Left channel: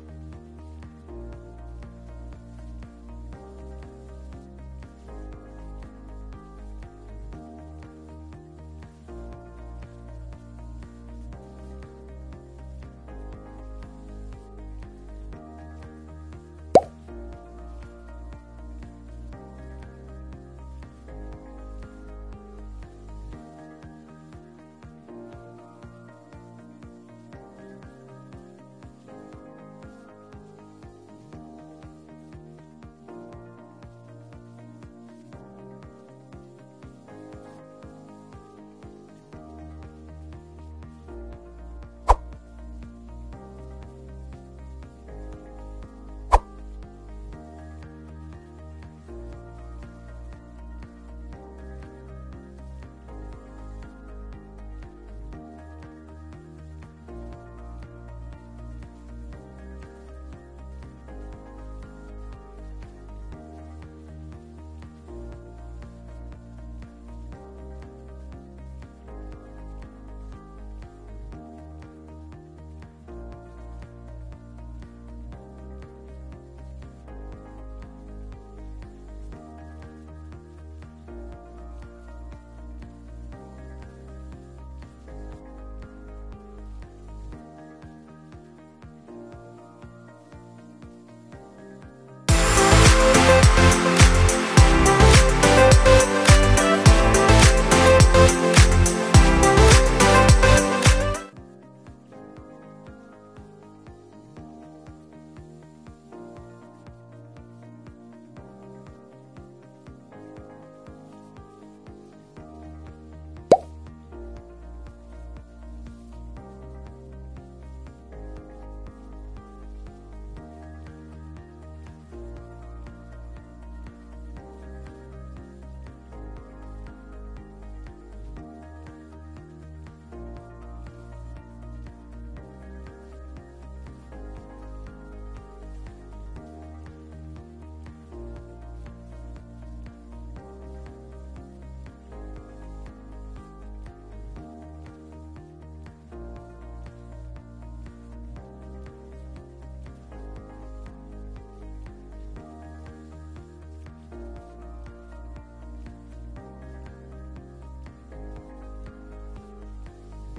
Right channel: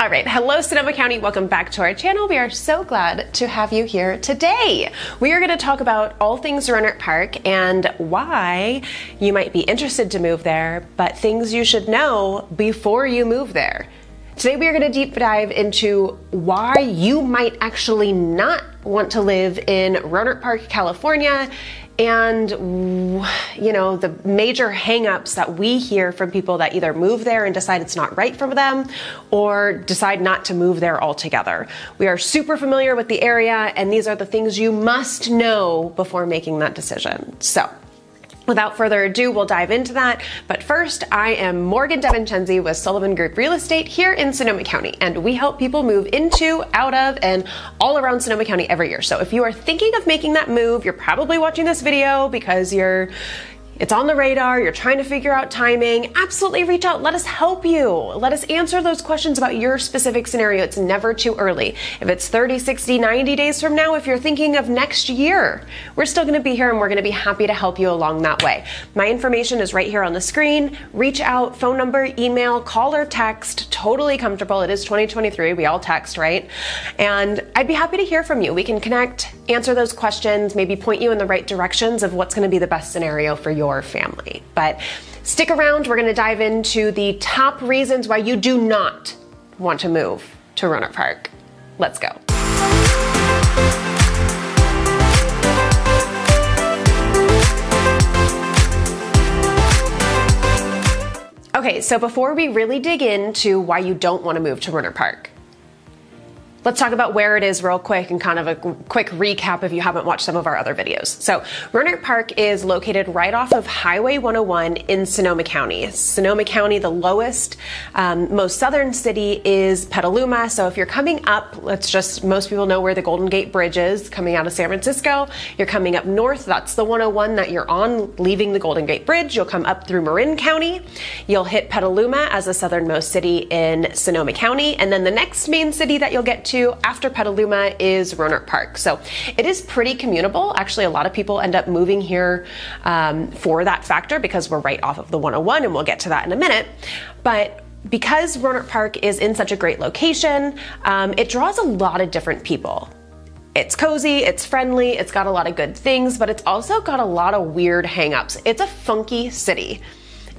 All right, hello Sonoma County, welcome back to our channel. We are so glad to have you here today. We are going to talk about all things Rohnert Park and why you might be interested to move there, but things you should know before you move there. Today we are going to deep dive into why you might actually not want to live in Rohnert Park, California, and the major hangups that we hear from people that either move there and decide it's not right for them or decide not to move there altogether. We are super familiar with the area, and these are the things you must know before making that decision. So without further ado, we'll dive into that. But first, I am Morgan DeVincenzi with Sullivan Group Real Estate here in Sonoma County, and we help people move into, out of, and all around Sonoma County every year. So if you are thinking of making that move, you're probably watching this video because it's on the radar, you're trying to figure out timing, absolutely reach out. Let us help you. Let us answer those questions about your specific scenario. It's never too early. If it's 30, 60, 90 days from now, if you're thinking of next year, we're still gonna be here and we're gonna be happy to help you along that way. My information is right here on the screen. Reach out, phone number, email, call or text, totally comfortable. It is 2023, we all text, right? And I'd be happy to hear from you. We can connect, answer those questions, maybe point you in the right directions of what's gonna be the best scenario for your family. But stick around, we're going to dive into the top reasons why you do not want to move to Rohnert Park. Let's go. Okay, so before we really dig into why you don't want to move to Rohnert Park, let's talk about where it is real quick and kind of a quick recap if you haven't watched some of our other videos. So Rohnert Park is located right off of Highway 101 in Sonoma County. Sonoma County, the lowest, most southern city is Petaluma. So if you're coming up, most people know where the Golden Gate Bridge is coming out of San Francisco. You're coming up north, that's the 101 that you're on, leaving the Golden Gate Bridge. You'll come up through Marin County. You'll hit Petaluma as the southernmost city in Sonoma County. And then the next main city that you'll get to after Petaluma is Rohnert Park. So it is pretty commutable. Actually, a lot of people end up moving here for that factor because we're right off of the 101, and we'll get to that in a minute. But because Rohnert Park is in such a great location, it draws a lot of different people. It's cozy, it's friendly, it's got a lot of good things, but it's also got a lot of weird hangups. It's a funky city.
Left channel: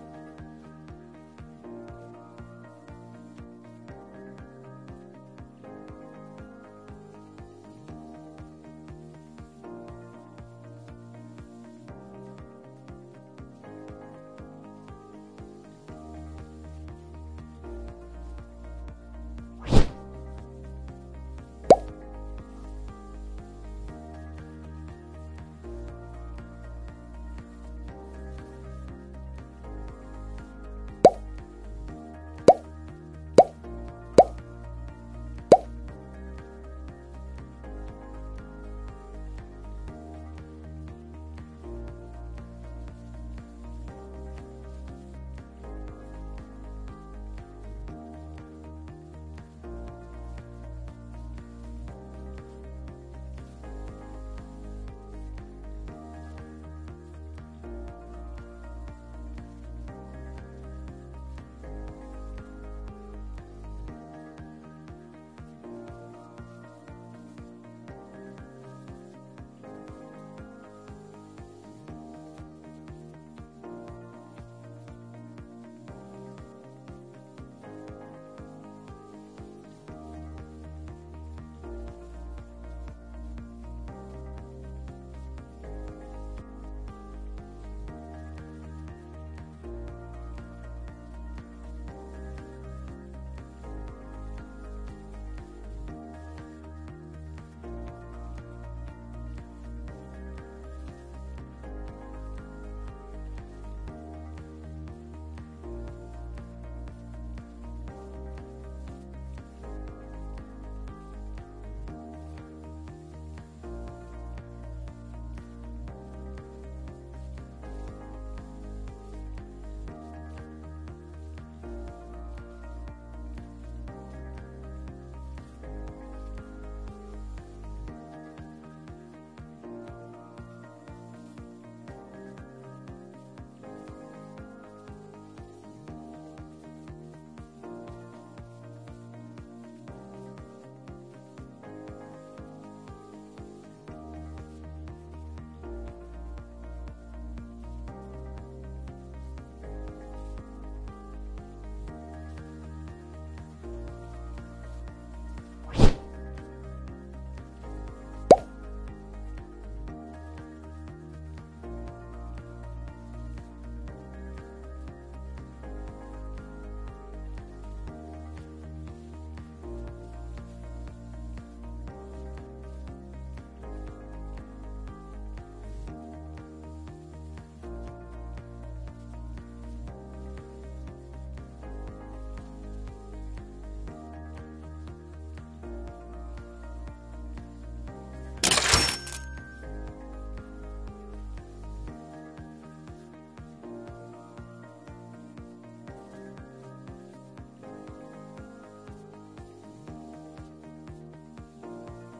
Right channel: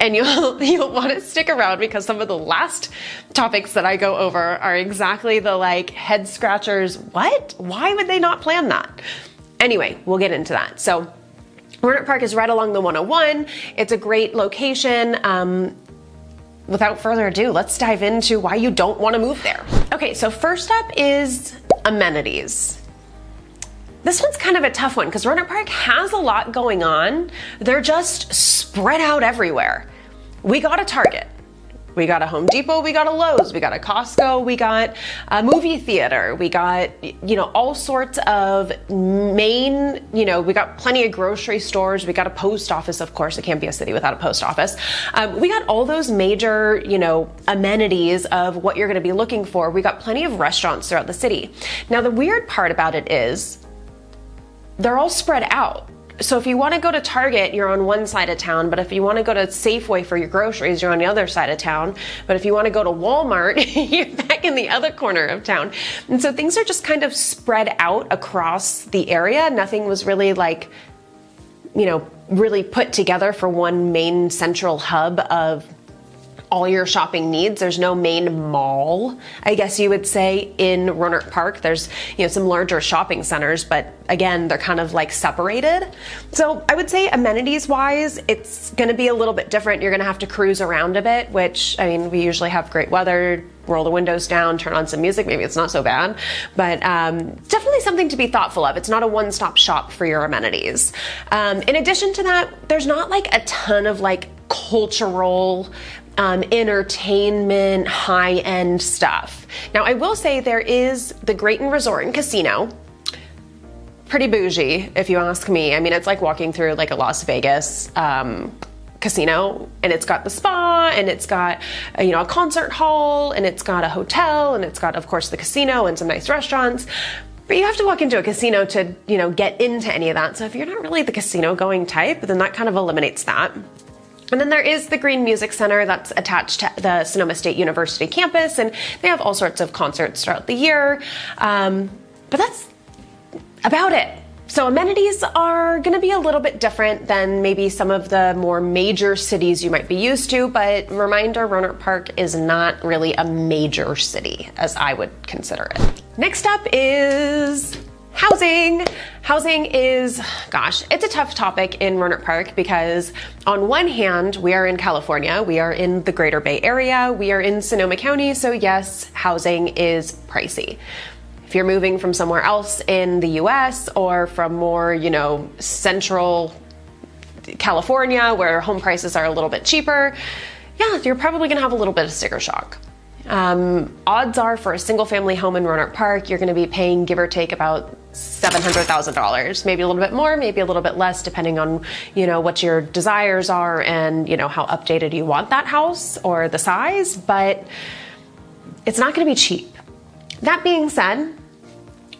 And you'll want to stick around because some of the last topics that I go over are exactly the head scratchers. What? Why would they not plan that? Anyway, we'll get into that. So Rohnert Park is right along the 101. It's a great location. Without further ado, let's dive into why you don't want to move there. Okay, so first up is amenities. This one's kind of a tough one because Rohnert Park has a lot going on. They're just spread out everywhere. We got a Target, we got a Home Depot, we got a Lowe's, we got a Costco, we got a movie theater, we got, all sorts of we got plenty of grocery stores, we got a post office, of course, it can't be a city without a post office. We got all those major, amenities of what you're gonna be looking for. We got plenty of restaurants throughout the city. Now, the weird part about it is, they're all spread out. So if you want to go to Target, you're on one side of town, but if you want to go to Safeway for your groceries, you're on the other side of town. But if you want to go to Walmart, you're back in the other corner of town. And so things are just kind of spread out across the area. Nothing was really really put together for one main central hub of all your shopping needs. There's no main mall, I guess you would say, in Rohnert Park. There's some larger shopping centers, but again, they're kind of separated. So I would say amenities wise, it's gonna be a little bit different. You're gonna have to cruise around a bit, which, we usually have great weather, roll the windows down, turn on some music, maybe it's not so bad, but definitely something to be thoughtful of. It's not a one-stop shop for your amenities. In addition to that, there's not a ton of cultural entertainment, high-end stuff. Now, I will say there is the Great Inn Resort and Casino. Pretty bougie, if you ask me. It's like walking through a Las Vegas casino, and it's got the spa, and it's got a concert hall, and it's got a hotel, and it's got, of course, the casino and some nice restaurants. But you have to walk into a casino to, get into any of that. So if you're not really the casino going type, then that kind of eliminates that. And then there is the Green Music Center that's attached to the Sonoma State University campus, and they have all sorts of concerts throughout the year. But that's about it. So amenities are going to be a little bit different than maybe some of the more major cities you might be used to, but reminder, Rohnert Park is not really a major city as I would consider it. Next up is housing. Housing is, gosh, it's a tough topic in Rohnert Park because on one hand, we are in California, we are in the Greater Bay Area, we are in Sonoma County, so yes, housing is pricey. If you're moving from somewhere else in the US or from more, central California where home prices are a little bit cheaper, yeah, you're probably gonna have a little bit of sticker shock. Odds are for a single family home in Rohnert Park, you're gonna be paying, give or take, about $700,000, maybe a little bit more, maybe a little bit less, depending on, what your desires are and, how updated you want that house or the size, but it's not gonna be cheap. That being said,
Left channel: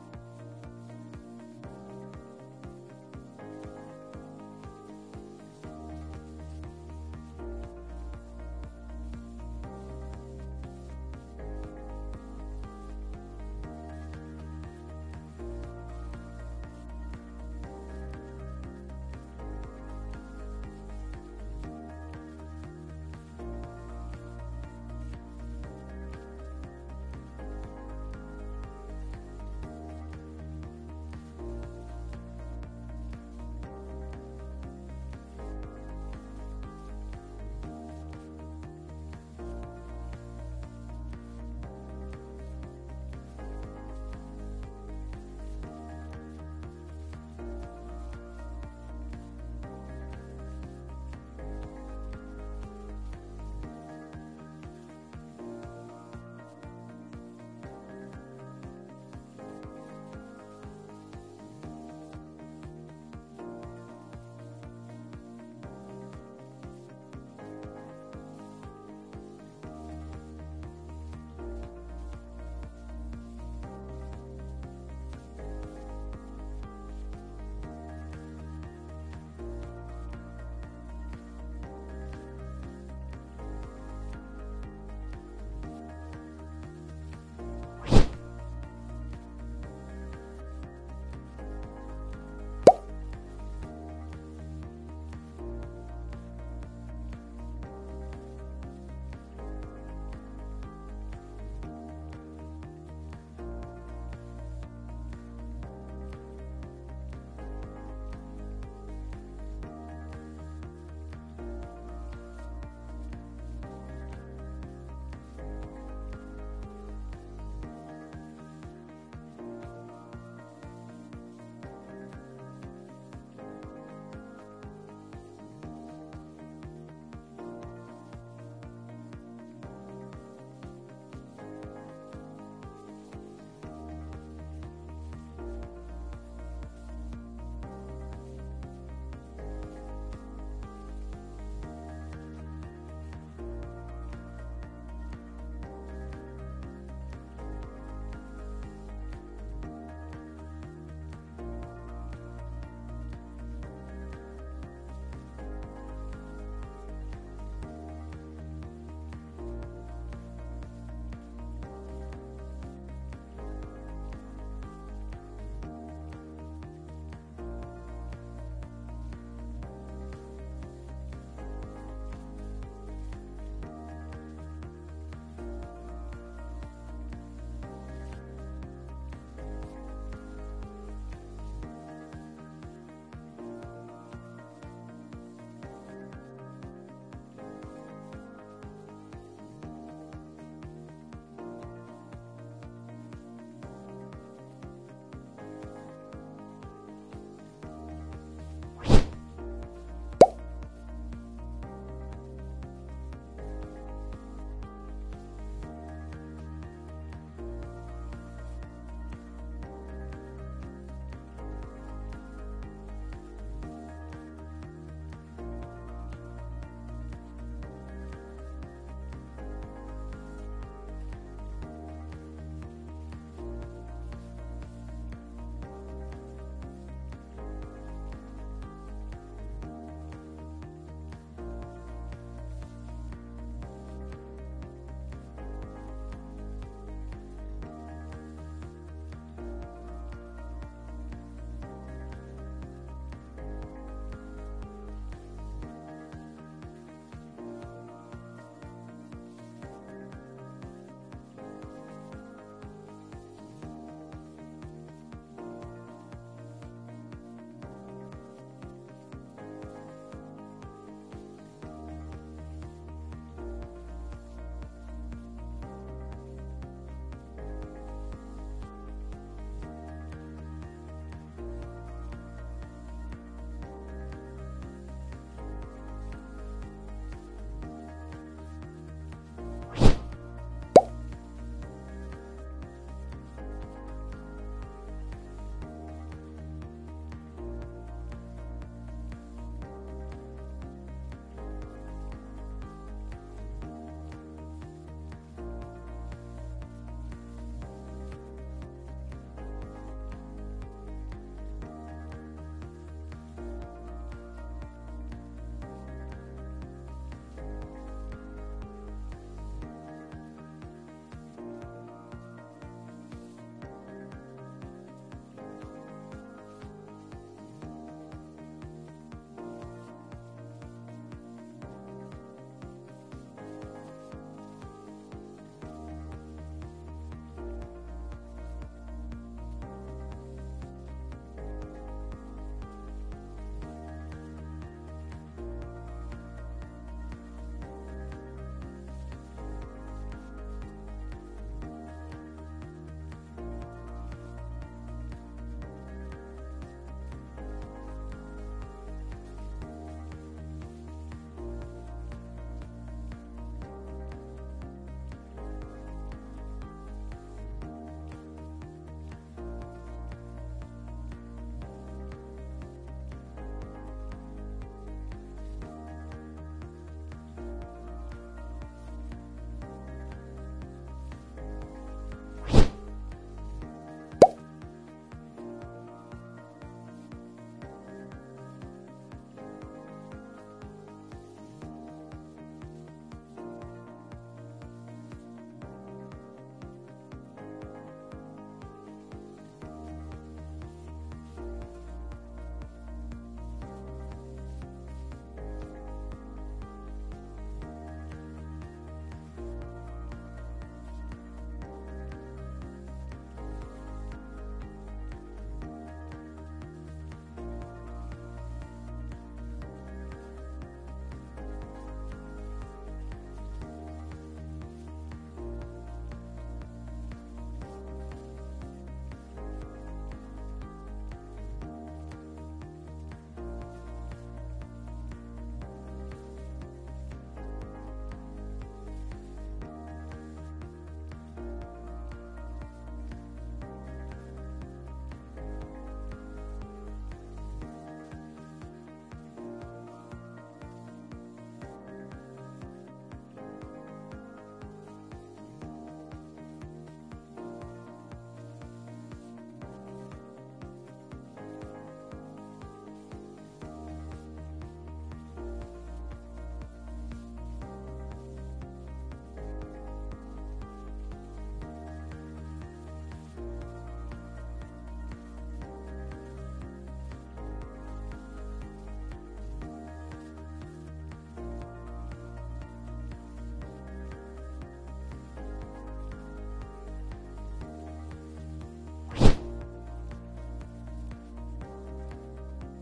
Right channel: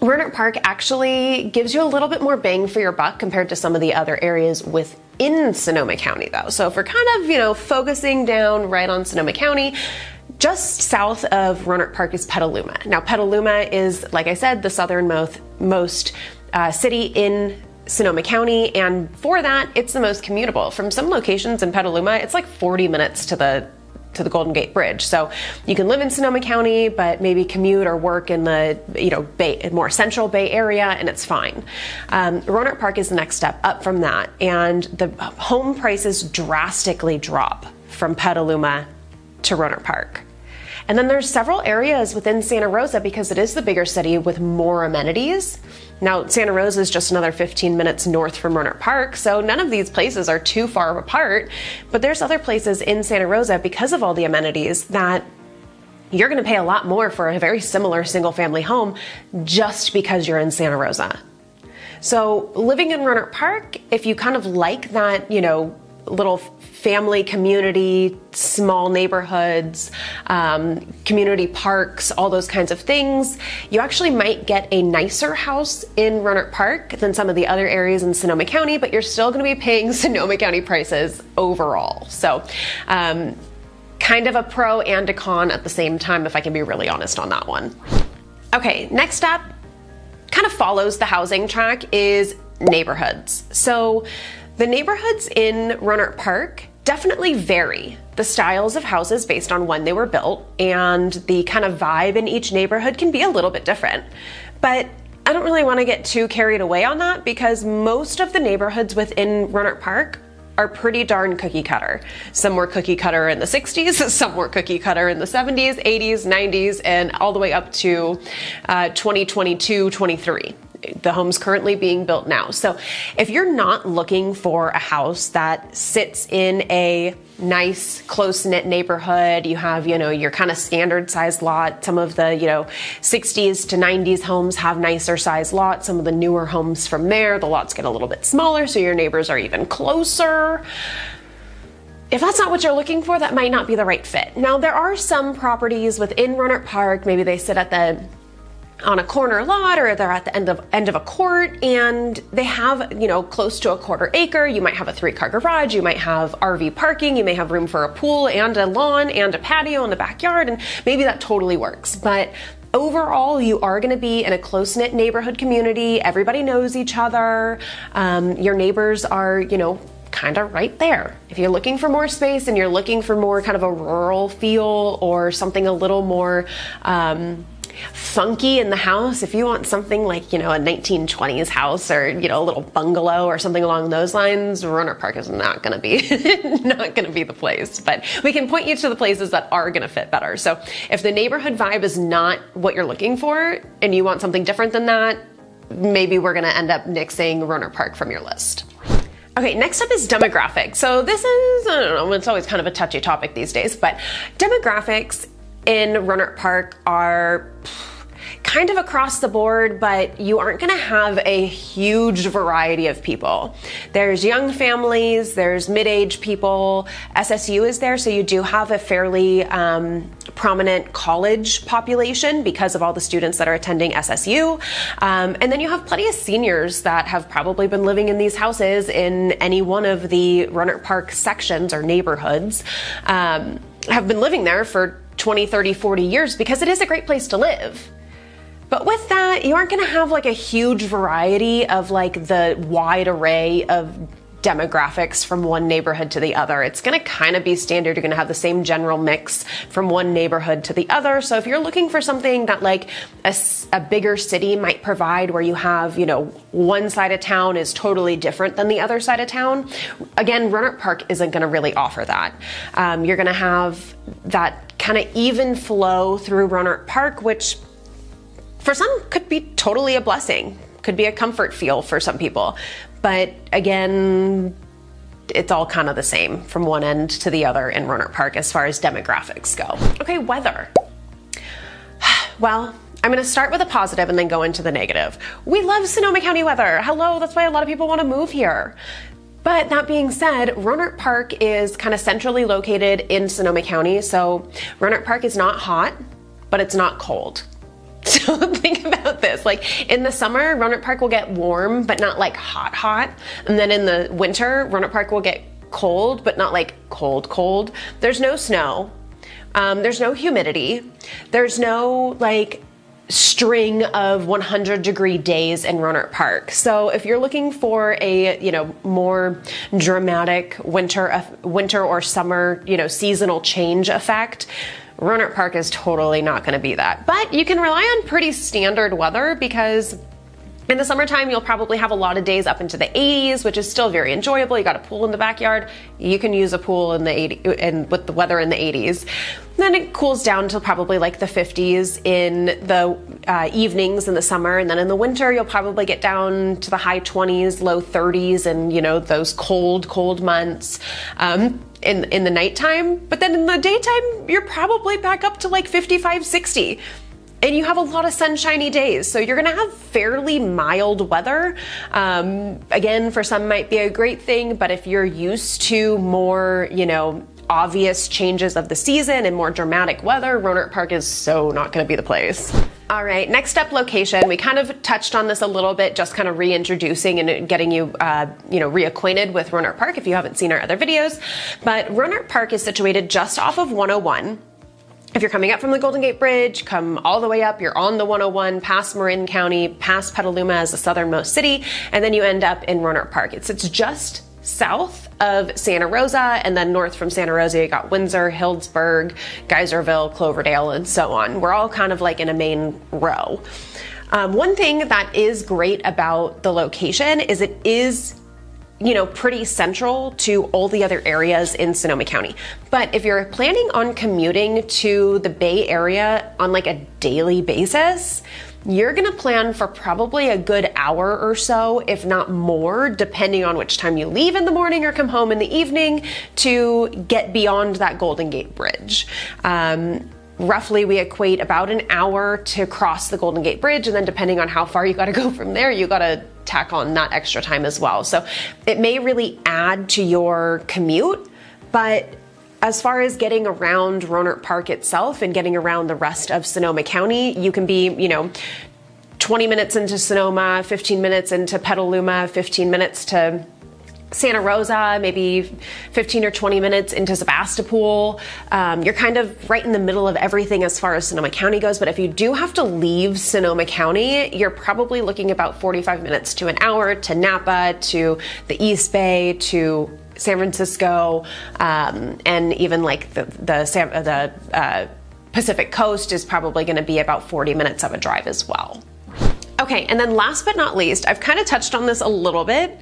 Rohnert Park actually gives you a little bit more bang for your buck compared to some of the other areas within Sonoma County though. So if we're kind of, focusing down right on Sonoma County, just south of Rohnert Park is Petaluma. Now Petaluma is, like I said, the southernmost city in Sonoma County, and for that, it's the most commutable. From some locations in Petaluma, it's like 40 minutes to the Golden Gate Bridge. So you can live in Sonoma County, but maybe commute or work in the more central Bay Area, and it's fine. Rohnert Park is the next step up from that, and the home prices drastically drop from Petaluma to Rohnert Park. And then there's several areas within Santa Rosa because it is the bigger city with more amenities. Now, Santa Rosa is just another 15 minutes north from Rohnert Park, so none of these places are too far apart, but there's other places in Santa Rosa because of all the amenities that you're gonna pay a lot more for a very similar single family home just because you're in Santa Rosa. So living in Rohnert Park, if you kind of like that, little family community, small neighborhoods, community parks, all those kinds of things, you actually might get a nicer house in Rohnert Park than some of the other areas in Sonoma County, but you're still going to be paying Sonoma County prices overall. So kind of a pro and a con at the same time, if I can be really honest on that one. Okay, next up, kind of follows the housing track, is neighborhoods. So the neighborhoods in Rohnert Park definitely vary. The styles of houses based on when they were built, and the kind of vibe in each neighborhood can be a little bit different. But I don't really want to get too carried away on that because most of the neighborhoods within Rohnert Park are pretty darn cookie cutter. Some were cookie cutter in the 60s, some were cookie cutter in the 70s, 80s, 90s, and all the way up to 2022, 23. The home's currently being built now. So if you're not looking for a house that sits in a nice, close-knit neighborhood, you have, your kind of standard size lot. Some of the, 60s to 90s homes have nicer size lots. Some of the newer homes from there, the lots get a little bit smaller, so your neighbors are even closer. If that's not what you're looking for, that might not be the right fit. Now, there are some properties within Rohnert Park, maybe they sit on a corner lot, or they're at the end of a court, and they have, close to a quarter acre. You might have a 3-car garage, you might have RV parking, you may have room for a pool and a lawn and a patio in the backyard, and maybe that totally works. But overall, you are going to be in a close-knit neighborhood community. Everybody knows each other. Your neighbors are, kind of right there. If you're looking for more space and you're looking for more kind of a rural feel or something a little more funky in the house, if you want something like, a 1920s house or, a little bungalow or something along those lines, Rohnert Park is not going to be the place. But we can point you to the places that are going to fit better. So if the neighborhood vibe is not what you're looking for and you want something different than that, maybe we're going to end up nixing Rohnert Park from your list. Okay, next up is demographics. So this is, I don't know, it's always kind of a touchy topic these days, but demographics in Rohnert Park are kind of across the board, but you aren't going to have a huge variety of people. There's young families, there's mid-age people. SSU is there, so you do have a fairly prominent college population because of all the students that are attending SSU. And then you have plenty of seniors that have probably been living in these houses in any one of the Rohnert Park sections or neighborhoods, have been living there for 20, 30, 40 years because it is a great place to live. But with that, you aren't gonna have like a huge variety of like the wide array of demographics from one neighborhood to the other. It's gonna kind of be standard. You're gonna have the same general mix from one neighborhood to the other. So if you're looking for something that like a bigger city might provide, where you have, you know, one side of town is totally different than the other side of town, again, Rohnert Park isn't gonna really offer that. You're gonna have that kind of even flow through Rohnert Park, which for some could be totally a blessing, could be a comfort feel for some people. But again, it's all kind of the same from one end to the other in Rohnert Park as far as demographics go. Okay, weather. Well, I'm gonna start with a positive and then go into the negative. We love Sonoma County weather. Hello, that's why a lot of people wanna move here. But that being said, Rohnert Park is kind of centrally located in Sonoma County. So Rohnert Park is not hot, but it's not cold. So think about this, like in the summer, Rohnert Park will get warm, but not like hot, hot. And then in the winter, Rohnert Park will get cold, but not like cold, cold. There's no snow. There's no humidity. There's no like string of 100-degree days in Rohnert Park. So if you're looking for a, you know, more dramatic winter or summer, you know, seasonal change effect, Rohnert Park is totally not going to be that. But you can rely on pretty standard weather because in the summertime, you'll probably have a lot of days up into the 80s, which is still very enjoyable. You got a pool in the backyard. You can use a pool in the 80s, and with the weather in the 80s. Then it cools down to probably like the 50s in the evenings in the summer, and then in the winter, you'll probably get down to the high 20s, low 30s, and you know those cold months in the nighttime. But then in the daytime, you're probably back up to like 55, 60. And you have a lot of sunshiny days, so you're gonna have fairly mild weather. Again, for some might be a great thing, but if you're used to more, you know, obvious changes of the season and more dramatic weather, Rohnert Park is so not gonna be the place. All right, next up, location. We kind of touched on this a little bit, just kind of reintroducing and getting you, you know, reacquainted with Rohnert Park if you haven't seen our other videos. But Rohnert Park is situated just off of 101. If you're coming up from the Golden Gate Bridge, come all the way up, you're on the 101, past Marin County, past Petaluma as the southernmost city, and then you end up in Rohnert Park. It's just south of Santa Rosa, and then north from Santa Rosa, you got Windsor, Healdsburg, Geyserville, Cloverdale, and so on. We're all kind of like in a main row. One thing that is great about the location is it is, you know, pretty central to all the other areas in Sonoma County. But if you're planning on commuting to the Bay Area on like a daily basis, you're gonna plan for probably a good hour or so, if not more, depending on which time you leave in the morning or come home in the evening to get beyond that Golden Gate Bridge. Roughly, we equate about an hour to cross the Golden Gate Bridge, and then depending on how far you gotta go from there, you gotta tack on that extra time as well. So it may really add to your commute, but as far as getting around Rohnert Park itself and getting around the rest of Sonoma County, you can be, you know, 20 minutes into Sonoma, 15 minutes into Petaluma, 15 minutes to Santa Rosa, maybe 15 or 20 minutes into Sebastopol. You're kind of right in the middle of everything as far as Sonoma County goes, but if you do have to leave Sonoma County, you're probably looking about 45 minutes to an hour to Napa, to the East Bay, to San Francisco, and even like the Pacific Coast is probably gonna be about 40 minutes of a drive as well. Okay, and then last but not least, I've kind of touched on this a little bit,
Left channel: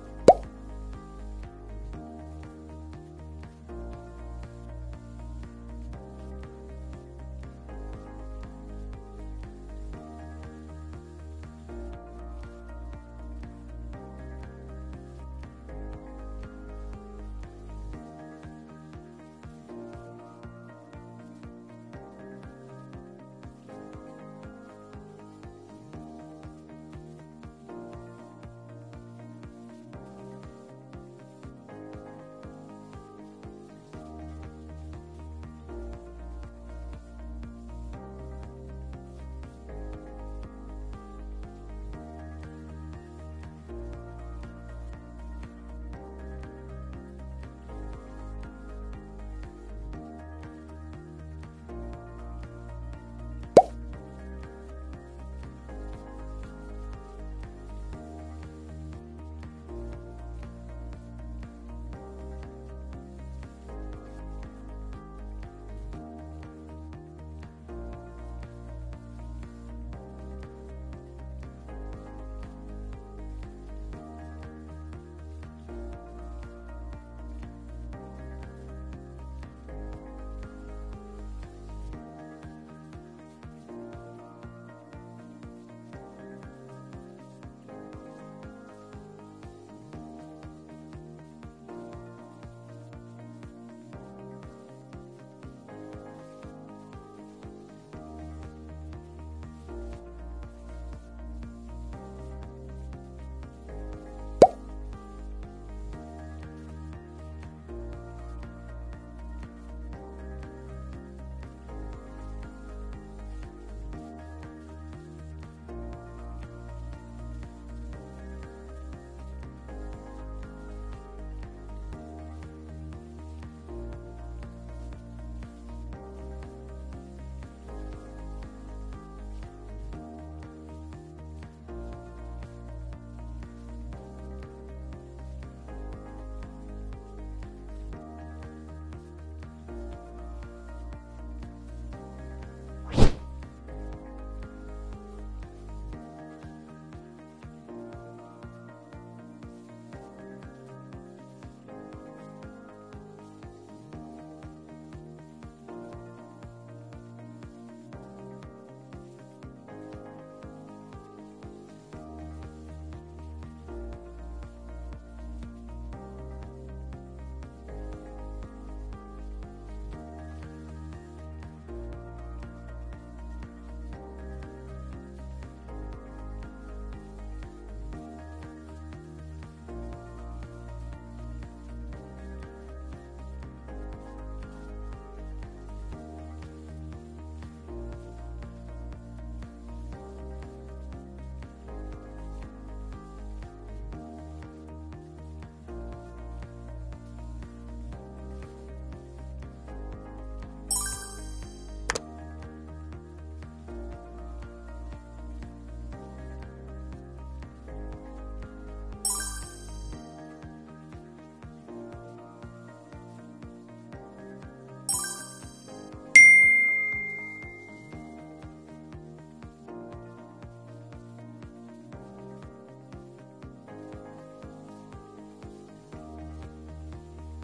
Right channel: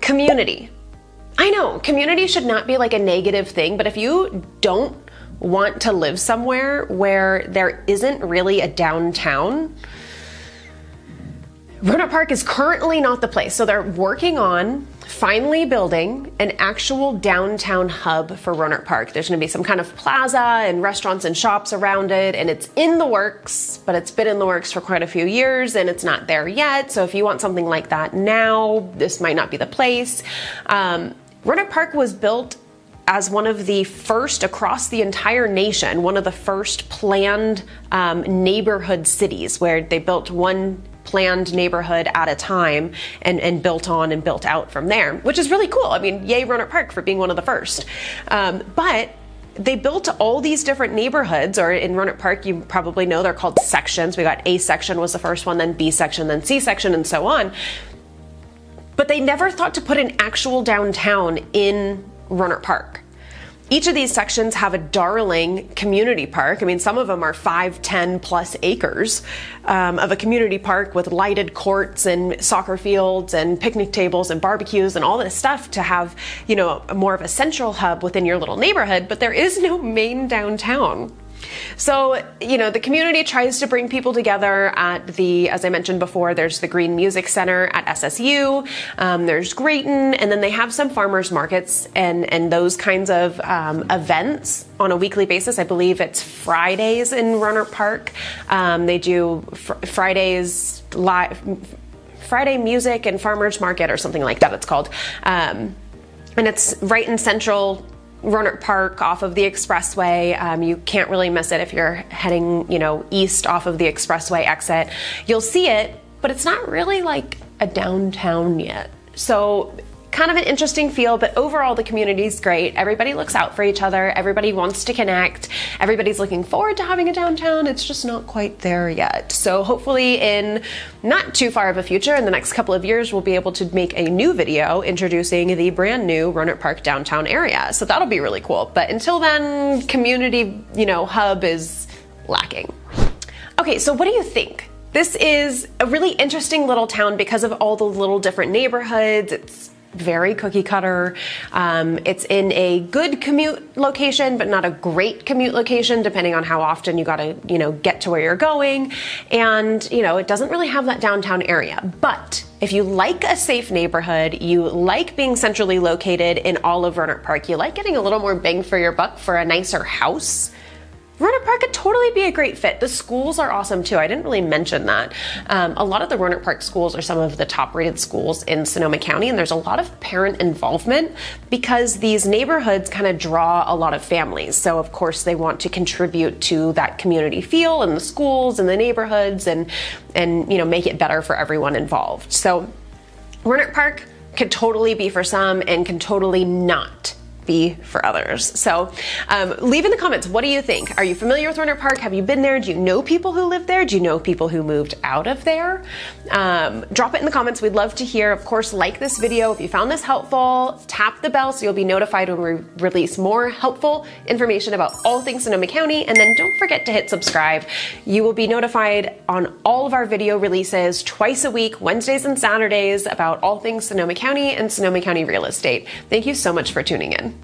community. I know, community should not be like a negative thing, but if you don't want to live somewhere where there isn't really a downtown, Rohnert Park is currently not the place. So they're working on finally building an actual downtown hub for Rohnert Park. There's gonna be some kind of plaza and restaurants and shops around it, and it's in the works, but it's been in the works for quite a few years and it's not there yet. So if you want something like that now, this might not be the place. Rohnert Park was built as one of the first across the entire nation, one of the first planned neighborhood cities, where they built one planned neighborhood at a time and built on and built out from there, which is really cool. I mean, yay Rohnert Park for being one of the first. But they built all these different neighborhoods, or in Rohnert Park, you probably know they're called sections. We got A section was the first one, then B section, then C section, and so on. But they never thought to put an actual downtown in Rohnert Park. Each of these sections have a darling community park. I mean, some of them are 5, 10 plus acres of a community park with lighted courts and soccer fields and picnic tables and barbecues and all this stuff to have, you know, more of a central hub within your little neighborhood, but there is no main downtown. So, you know, the community tries to bring people together at the, as I mentioned before, there's the Green Music Center at SSU, there's Grayton, and then they have some farmers markets and those kinds of events on a weekly basis. I believe it's Fridays in Rohnert Park. They do Fridays live, Friday music and farmers market or something like that it's called. And it's right in central Rohnert Park off of the expressway. You can't really miss it if you're heading, you know, east off of the expressway exit. You'll see it, but it's not really like a downtown yet. So kind of an interesting feel, but overall the community's great. Everybody looks out for each other. Everybody wants to connect. Everybody's looking forward to having a downtown. It's just not quite there yet. So hopefully in not too far of a future, in the next couple of years, we'll be able to make a new video introducing the brand new Rohnert Park downtown area. So that'll be really cool. But until then, community, you know, hub is lacking. Okay, so what do you think? This is a really interesting little town because of all the little different neighborhoods. It's very cookie cutter. It's in a good commute location, but not a great commute location, depending on how often you gotta, you know, get to where you're going. And, you know, it doesn't really have that downtown area. But if you like a safe neighborhood, you like being centrally located in all of Rohnert Park, you like getting a little more bang for your buck for a nicer house, Rohnert Park could totally be a great fit. The schools are awesome too. I didn't really mention that. A lot of the Rohnert Park schools are some of the top rated schools in Sonoma County, and there's a lot of parent involvement because these neighborhoods kind of draw a lot of families. So of course they want to contribute to that community feel in the schools and the neighborhoods and you know, make it better for everyone involved. So Rohnert Park could totally be for some and can totally not be for others. So leave in the comments, what do you think? Are you familiar with Rohnert Park? Have you been there? Do you know people who live there? Do you know people who moved out of there? Drop it in the comments. We'd love to hear. Of course, like this video if you found this helpful. Tap the bell so you'll be notified when we release more helpful information about all things Sonoma County. And then don't forget to hit subscribe. You will be notified on all of our video releases twice a week, Wednesdays and Saturdays, about all things Sonoma County and Sonoma County real estate. Thank you so much for tuning in.